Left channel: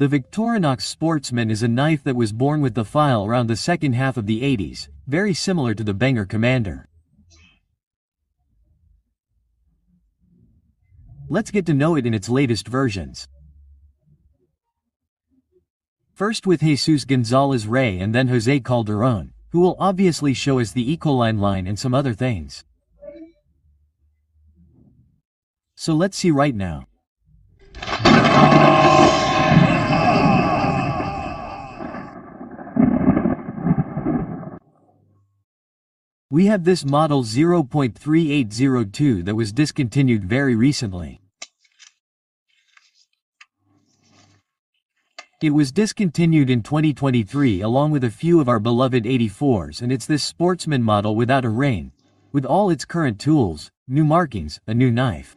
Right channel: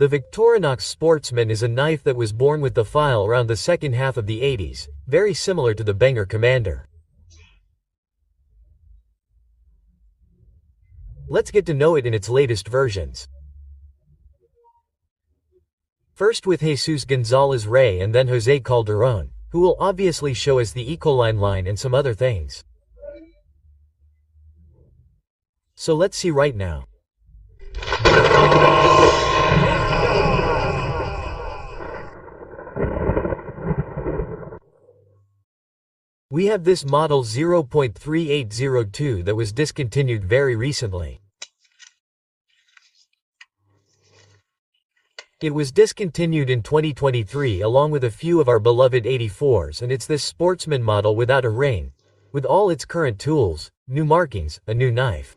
The Victorinox Sportsman is a knife that was born with the file around the second half of the 80s, very similar to the Wenger Commander. Let's get to know it in its latest versions. First with Jesus Gonzalez Rey and then Jose Calderon, who will obviously show us the Ecoline line and some other things. So let's see right now. We have this model 0.3802 that was discontinued very recently. It was discontinued in 2023 along with a few of our beloved 84s, and it's this Sportsman model without a ring, with all its current tools, new markings, a new knife.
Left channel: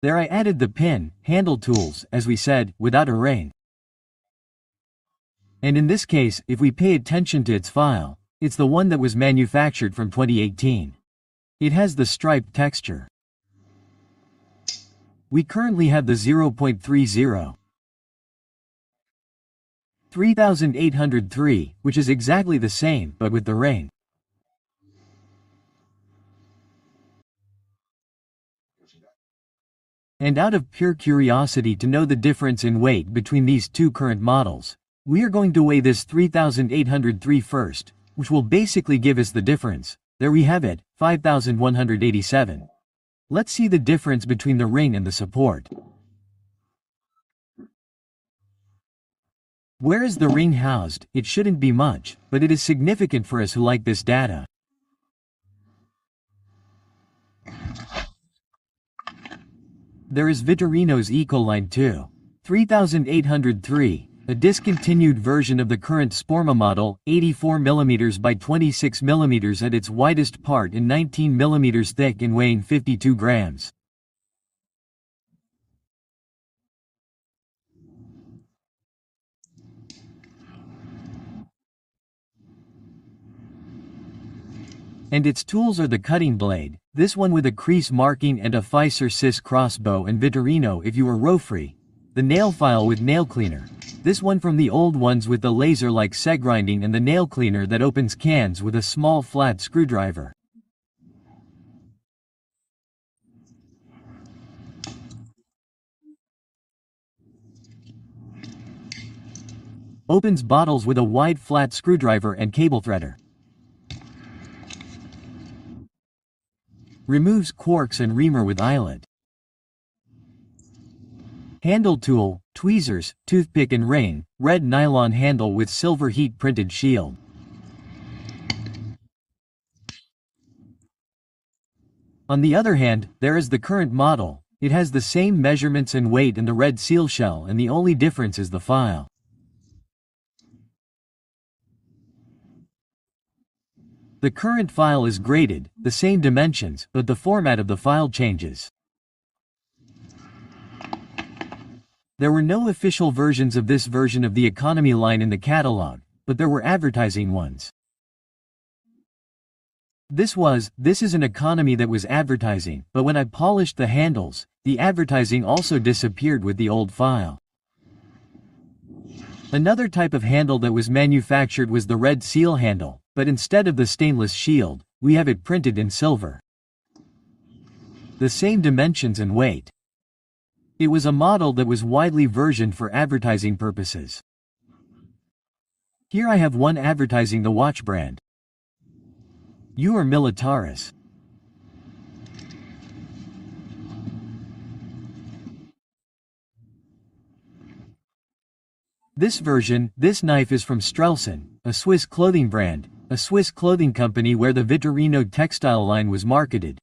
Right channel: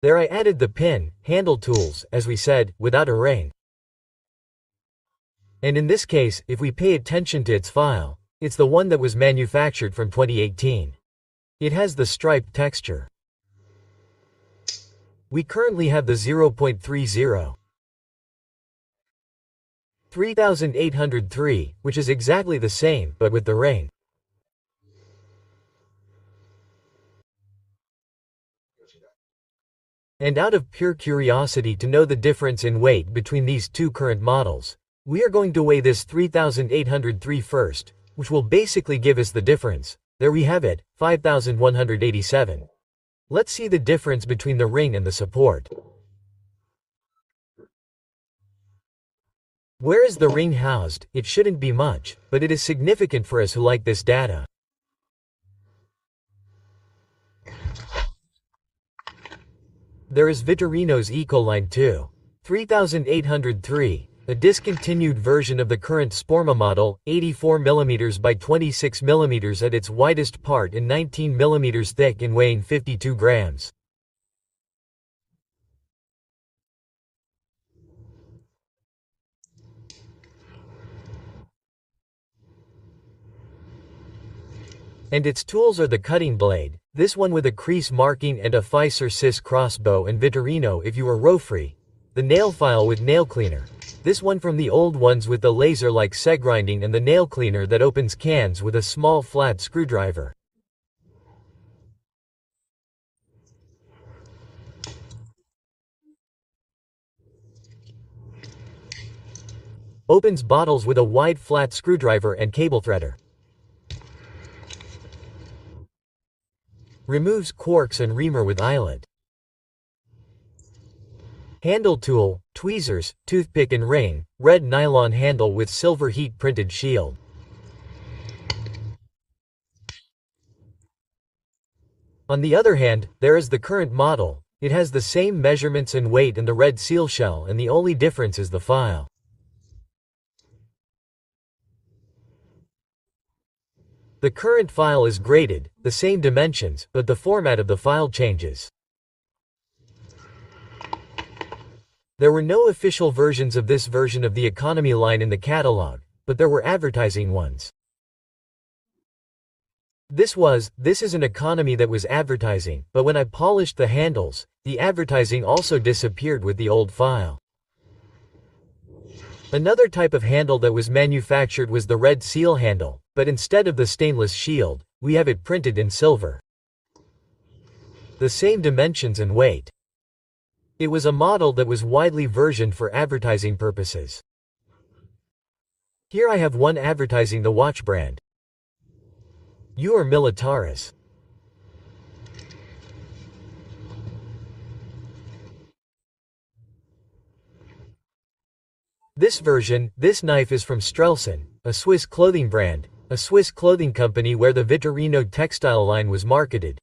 There I added the pin, handle tools, as we said, without a ring. And in this case, if we pay attention to its file, it's the one that was manufactured from 2018. It has the striped texture. We currently have the 0.30. 3803, which is exactly the same, but with the ring. And out of pure curiosity to know the difference in weight between these two current models, we are going to weigh this 3803 first, which will basically give us the difference. There we have it, 5187. Let's see the difference between the ring and the support. Where is the ring housed? It shouldn't be much, but it is significant for us who like this data. There is Victorinox Ecoline 2. 3803, a discontinued version of the current Sporma model, 84mm by 26mm at its widest part and 19mm thick and weighing 52 grams. And its tools are the cutting blade, this one with a crease marking and a Pfizer Cis crossbow, and Victorino if you were row-free. The nail file with nail cleaner. This one from the old ones with the laser-like seg grinding, and the nail cleaner that opens cans with a small flat screwdriver. Opens bottles with a wide flat screwdriver and cable threader. Removes corks and reamer with eyelet. Handle tool, tweezers, toothpick and ring, red nylon handle with silver heat printed shield. On the other hand, there is the current model. It has the same measurements and weight and the red seal shell, and the only difference is the file. The current file is graded, the same dimensions, but the format of the file changes. There were no official versions of this version of the economy line in the catalog, but there were advertising ones. This is an economy that was advertising, but when I polished the handles, the advertising also disappeared with the old file. Another type of handle that was manufactured was the red seal handle, but instead of the stainless shield, we have it printed in silver. The same dimensions and weight. It was a model that was widely versioned for advertising purposes. Here I have one advertising the watch brand. You are Militaris. This knife is from Strelson, a Swiss clothing brand, a Swiss clothing company where the Victorino textile line was marketed.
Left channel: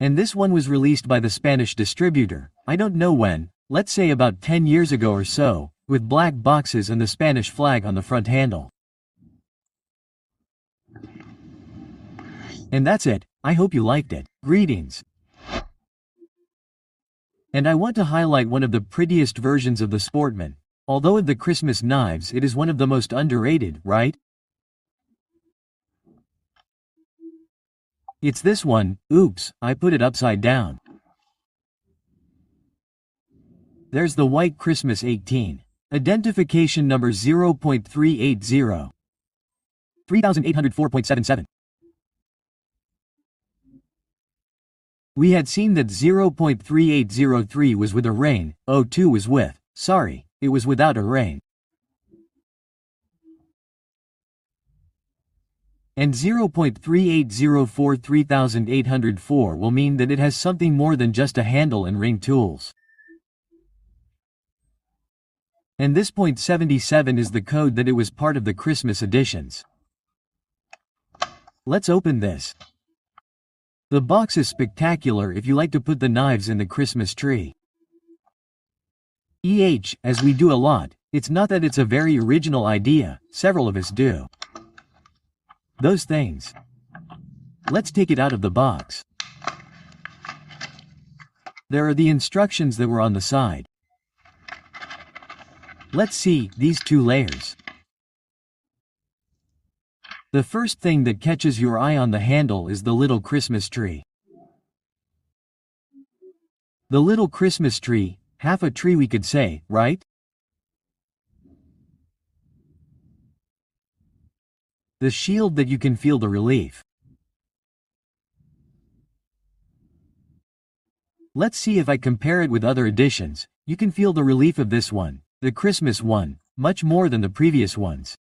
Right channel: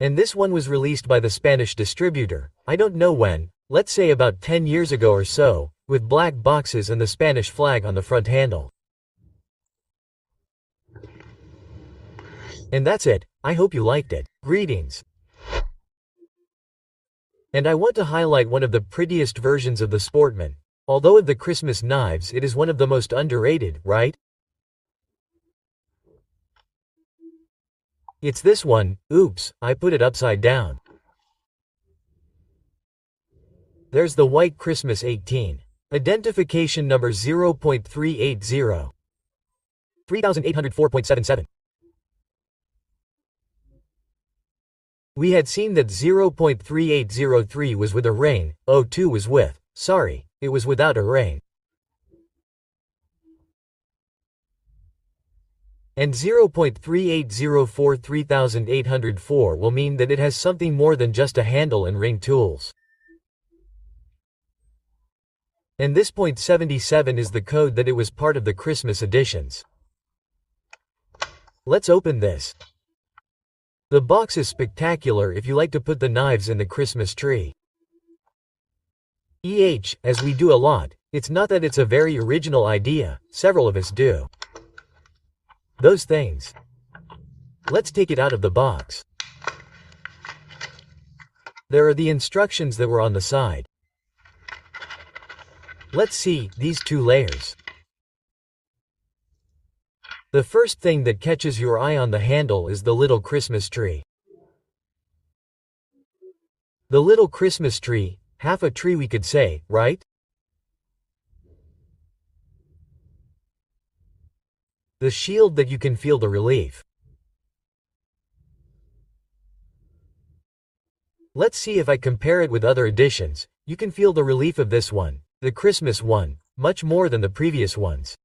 And this one was released by the Spanish distributor, I don't know when, let's say about 10 years ago or so, with black boxes and the Spanish flag on the front handle. And that's it. I hope you liked it. Greetings. And I want to highlight one of the prettiest versions of the Sportman. Although of the Christmas knives, it is one of the most underrated, right? It's this one. Oops, I put it upside down. There's the white Christmas 18. Identification number 0.380. 3804.77. We had seen that 0.3803 was with a ring, 02 was with, sorry, it was without a ring. And 0.3804 3804 will mean that it has something more than just a handle and ring tools. And this .77 is the code that it was part of the Christmas editions. Let's open this. The box is spectacular if you like to put the knives in the Christmas tree. As we do a lot, it's not that it's a very original idea, several of us do those things. Let's take it out of the box. There are the instructions that were on the side. Let's see, these two layers. The first thing that catches your eye on the handle is the little Christmas tree. The little Christmas tree, half a tree we could say, right? The shield that you can feel the relief. Let's see if I compare it with other editions. You can feel the relief of this one, the Christmas one, much more than the previous ones.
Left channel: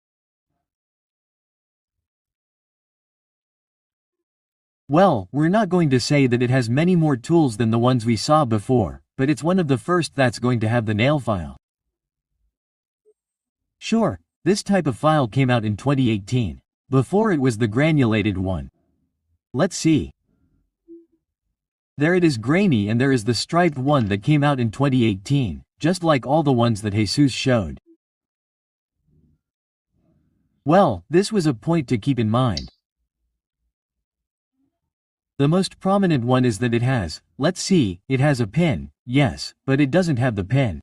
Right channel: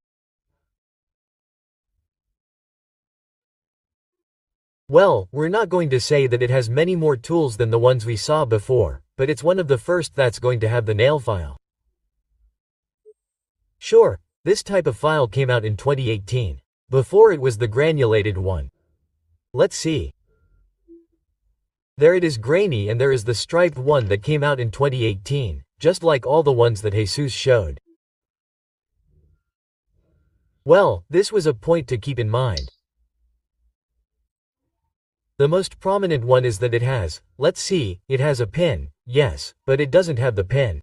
Well, we're not going to say that it has many more tools than the ones we saw before, but it's one of the first that's going to have the nail file. Sure, this type of file came out in 2018. Before it was the granulated one. Let's see. There it is grainy, and there is the striped one that came out in 2018, just like all the ones that Jesus showed. Well, this was a point to keep in mind. The most prominent one is that it has, let's see, it has a pin, yes, but it doesn't have the pin.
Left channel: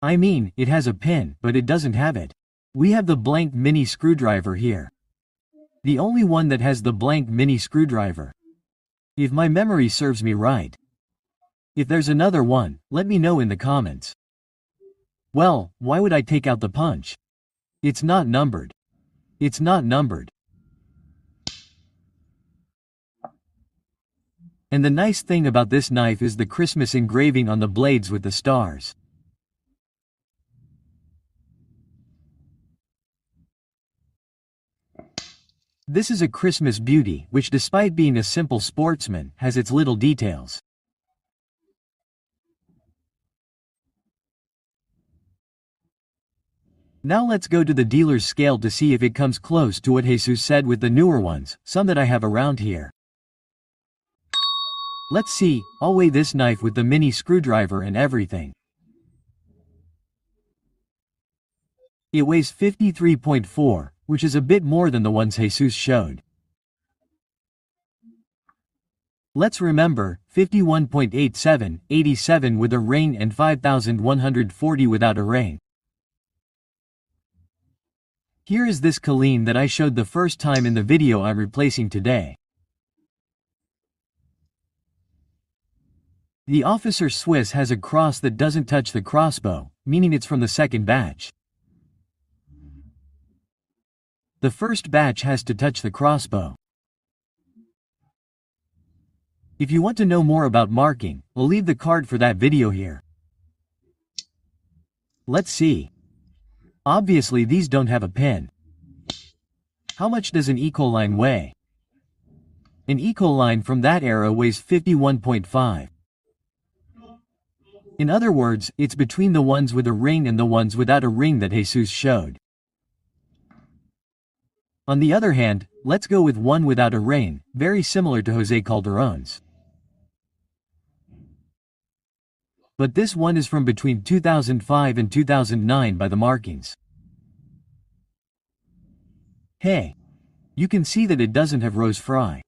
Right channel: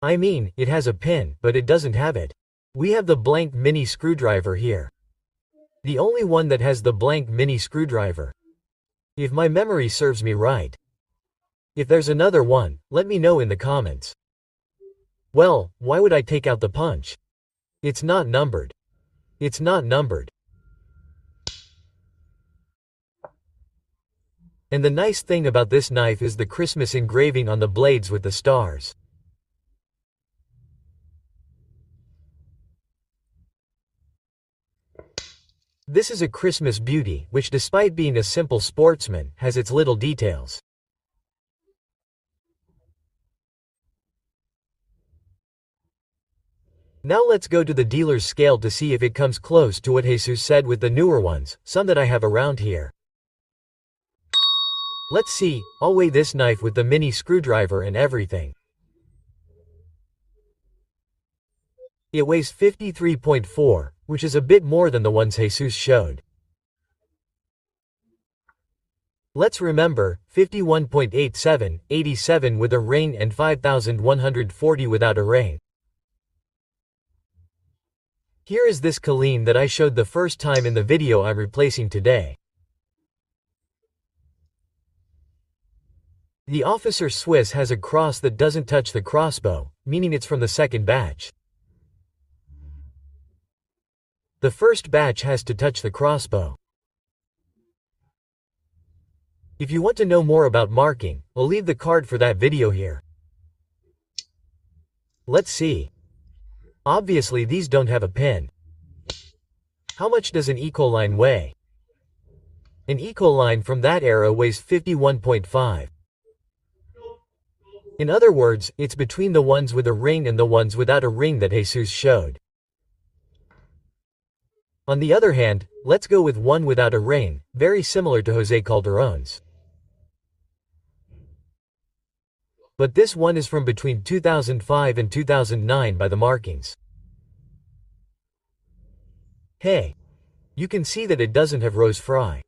I mean, it has a pin, but it doesn't have it. We have the blank mini screwdriver here. The only one that has the blank mini screwdriver. If my memory serves me right. If there's another one, let me know in the comments. Well, why would I take out the punch? It's not numbered. It's not numbered. And the nice thing about this knife is the Christmas engraving on the blades with the stars. This is a Christmas beauty, which despite being a simple sportsman, has its little details. Now let's go to the dealer's scale to see if it comes close to what Jesus said with the newer ones, some that I have around here. Let's see, I'll weigh this knife with the mini screwdriver and everything. It weighs 53.4, which is a bit more than the ones Jesus showed. Let's remember, 51.87, 87 with a ring and 5140 without a ring. Here is this Ecoline that I showed the first time in the video I'm replacing today. The Officer Swiss has a cross that doesn't touch the crossbow, meaning it's from the second batch. The first batch has to touch the crossbow. If you want to know more about marking, I'll leave the card for that video here. Let's see. Obviously these don't have a pin. How much does an Ecoline weigh? An Ecoline from that era weighs 51.5. In other words, it's between the ones with a ring and the ones without a ring that Jesus showed. On the other hand, let's go with one without a ring, very similar to Jose Calderon's. But this one is from between 2005 and 2009 by the markings. Hey! You can see that it doesn't have rose fry.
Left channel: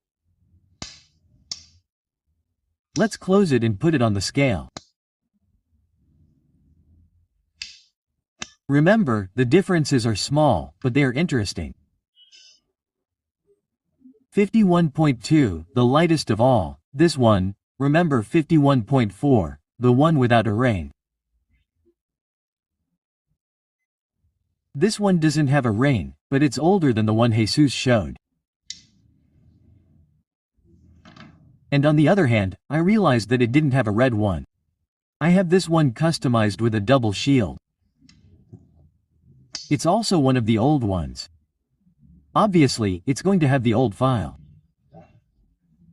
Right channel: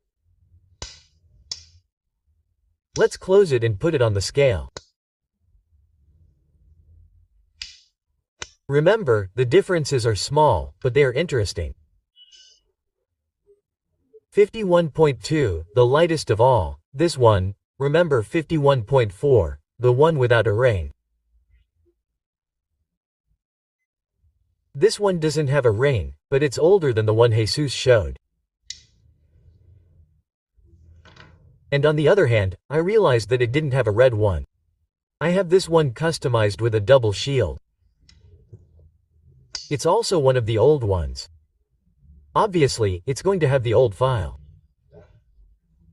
Let's close it and put it on the scale. Remember, the differences are small, but they are interesting. 51.2, the lightest of all. This one, remember 51.4, the one without a ring. This one doesn't have a ring, but it's older than the one Jesus showed. And on the other hand, I realized that it didn't have a red one. I have this one customized with a double shield. It's also one of the old ones. Obviously, it's going to have the old file.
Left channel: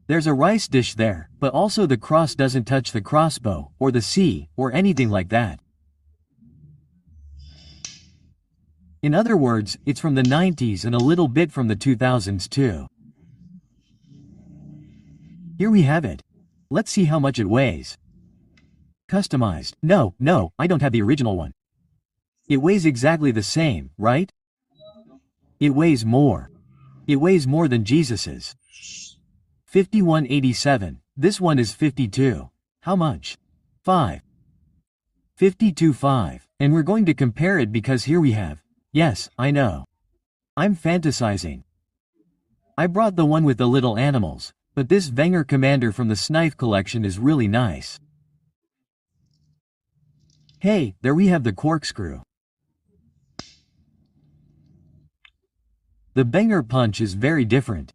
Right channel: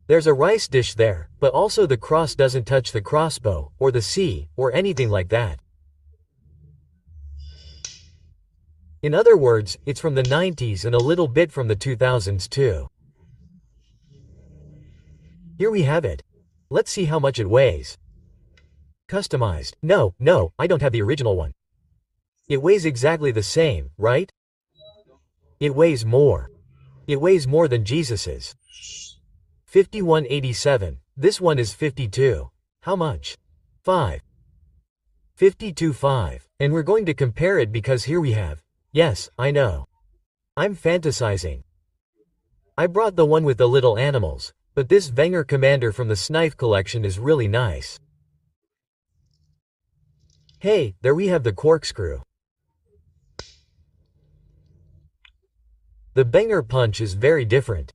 There's a rice dish there, but also the cross doesn't touch the crossbow, or the C, or anything like that. In other words, it's from the 90s and a little bit from the 2000s too. Here we have it. Let's see how much it weighs. Customized. No, I don't have the original one. It weighs exactly the same, right? It weighs more. It weighs more than Jesus's. 51.87. This one is 52. How much? 5. 52.5. And we're going to compare it because here we have. Yes, I know. I'm fantasizing. I brought the one with the little animals, but this Wenger Commander from the Snipe collection is really nice. Hey, there we have the corkscrew. The Wenger punch is very different.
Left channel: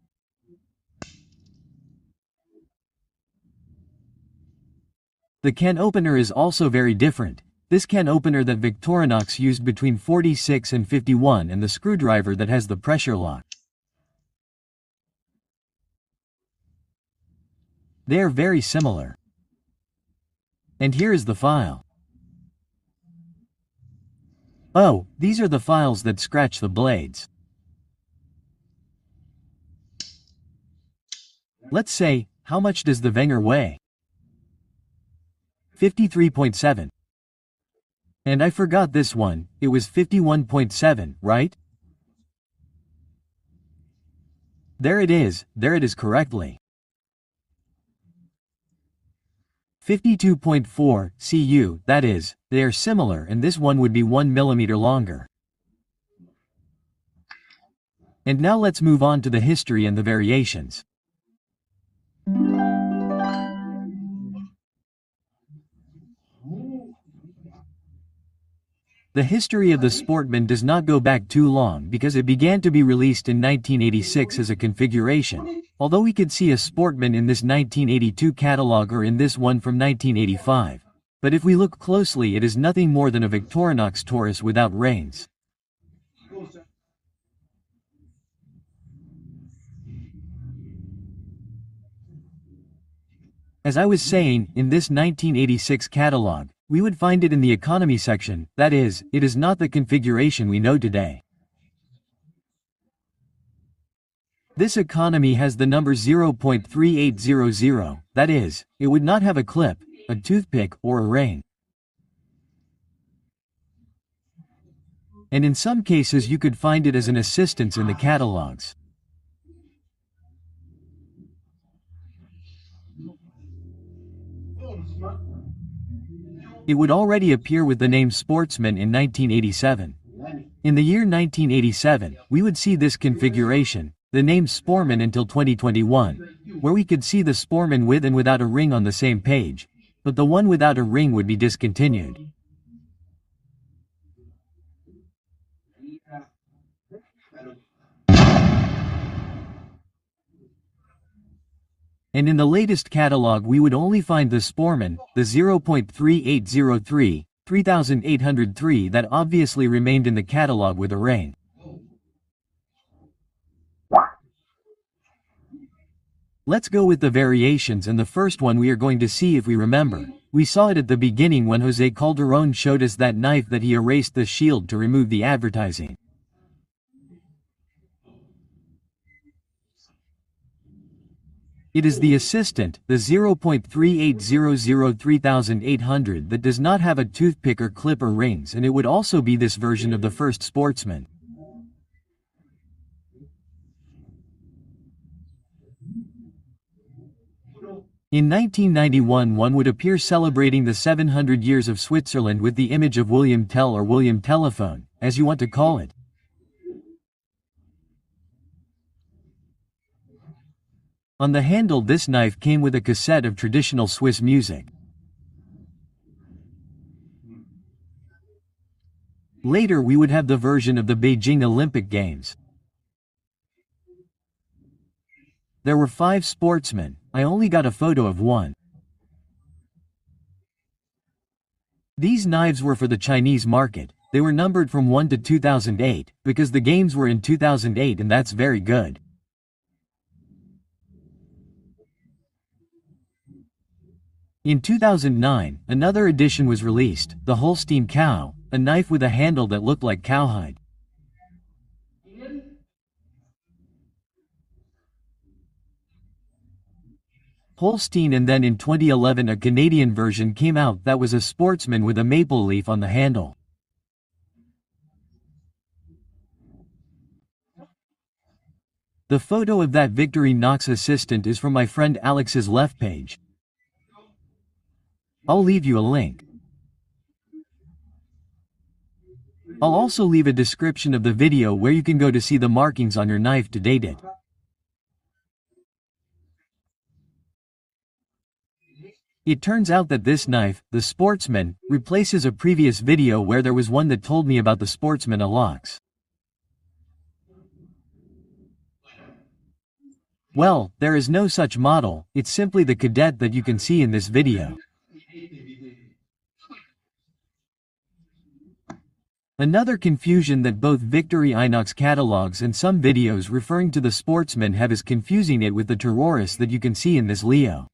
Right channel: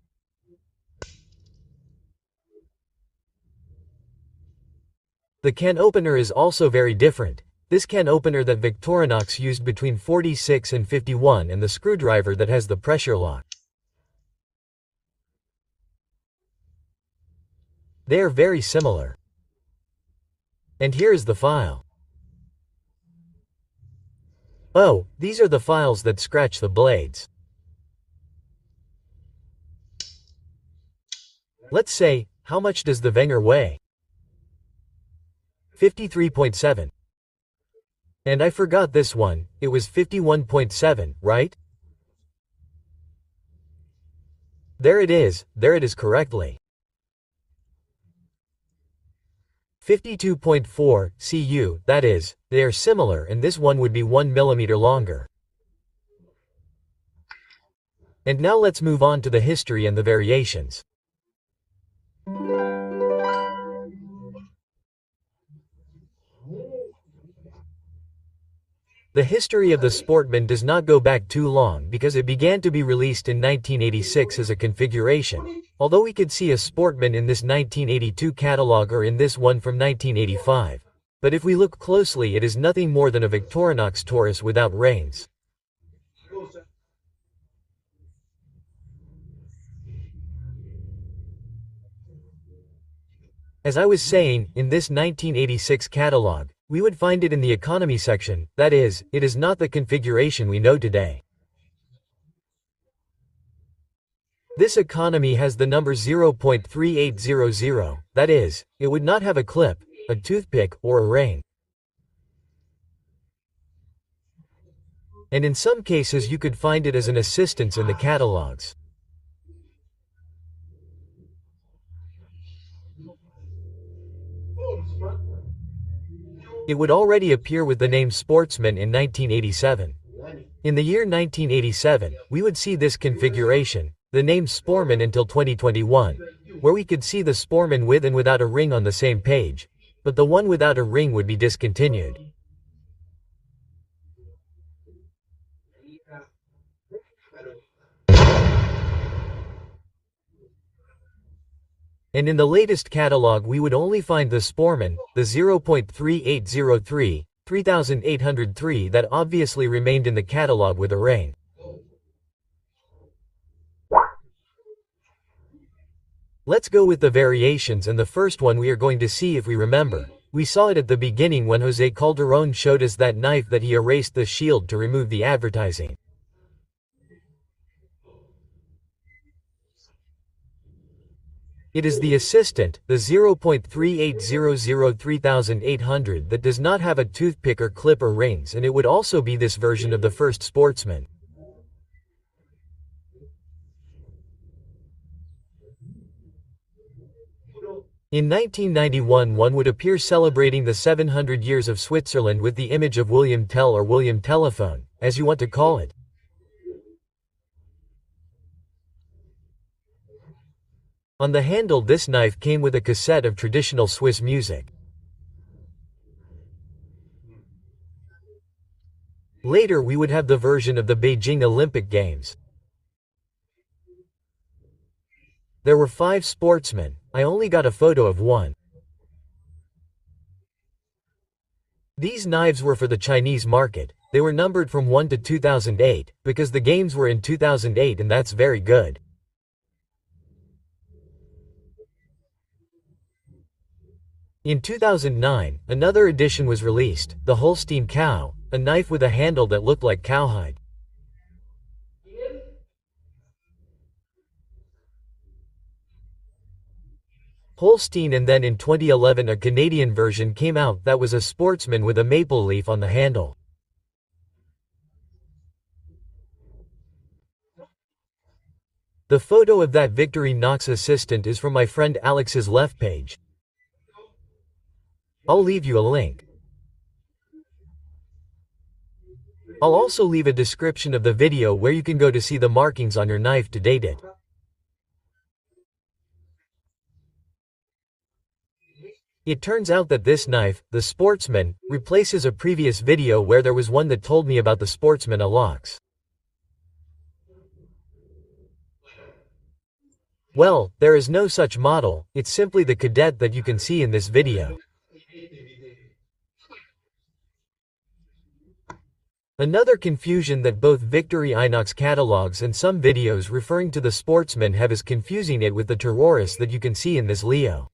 The can opener is also very different. This can opener that Victorinox used between 46 and 51 and the screwdriver that has the pressure lock. They are very similar. And here is the file. Oh, these are the files that scratch the blades. Let's say, how much does the Wenger weigh? 53.7. And I forgot this one, it was 51.7, right? There it is correctly. 52.4 cu, that is, they are similar and this one would be 1 millimeter longer. And now let's move on to the history and the variations. The history of the Sportman does not go back too long because it began to be released in 1986 as a configuration, although we could see a Sportman in this 1982 catalog or in this one from 1985. But if we look closely, it is nothing more than a Victorinox Taurus without reins. As I was saying, in this 1986 catalog, we would find it in the economy section, that is, it is not the configuration we know today. This economy has the number 0.3800, that is, it would not have a clip, a toothpick, or a ring. And in some cases you could find it as an assistance in the catalogs. It would already appear with the name Sportsman in 1987. In the year 1987, we would see this configuration, the name Sportman until 2021, where we could see the Sportman with and without a ring on the same page, but the one without a ring would be discontinued. And in the latest catalog we would only find the Sportman, the 0.3803, 3803 that obviously remained in the catalog with a ring. Let's go with the variations, and the first one we are going to see if we remember. We saw it at the beginning when Jose Calderon showed us that knife that he erased the shield to remove the advertising. It is the assistant, the 0.3800 3800 that does not have a toothpick or clip or rings, and it would also be this version of the first Sportsman. In 1991 one would appear celebrating the 700 years of Switzerland with the image of William Tell or William Telephone, as you want to call it. On the handle this knife came with a cassette of traditional Swiss music. Later we would have the version of the Beijing Olympic Games. There were 5 sportsmen, I only got a photo of one. These knives were for the Chinese market, they were numbered from 1 to 2008, because the games were in 2008 and that's very good. In 2009, another edition was released, the Holstein Cow, a knife with a handle that looked like cowhide. Holstein, and then in 2011 a Canadian version came out that was a sportsman with a maple leaf on the handle. The photo of that Victorinox assistant is from my friend Alex's left page. I'll leave you a link. I'll also leave a description of the video where you can go to see the markings on your knife to date it. It turns out that this knife, the Sportsman, replaces a previous video where there was one that told me about the Sportsman Alox. Well, there is no such model, it's simply the Cadet that you can see in this video. Another confusion that both Victorinox catalogs and some videos referring to the Sportsman have is confusing it with the Terrorist that you can see in this Leo.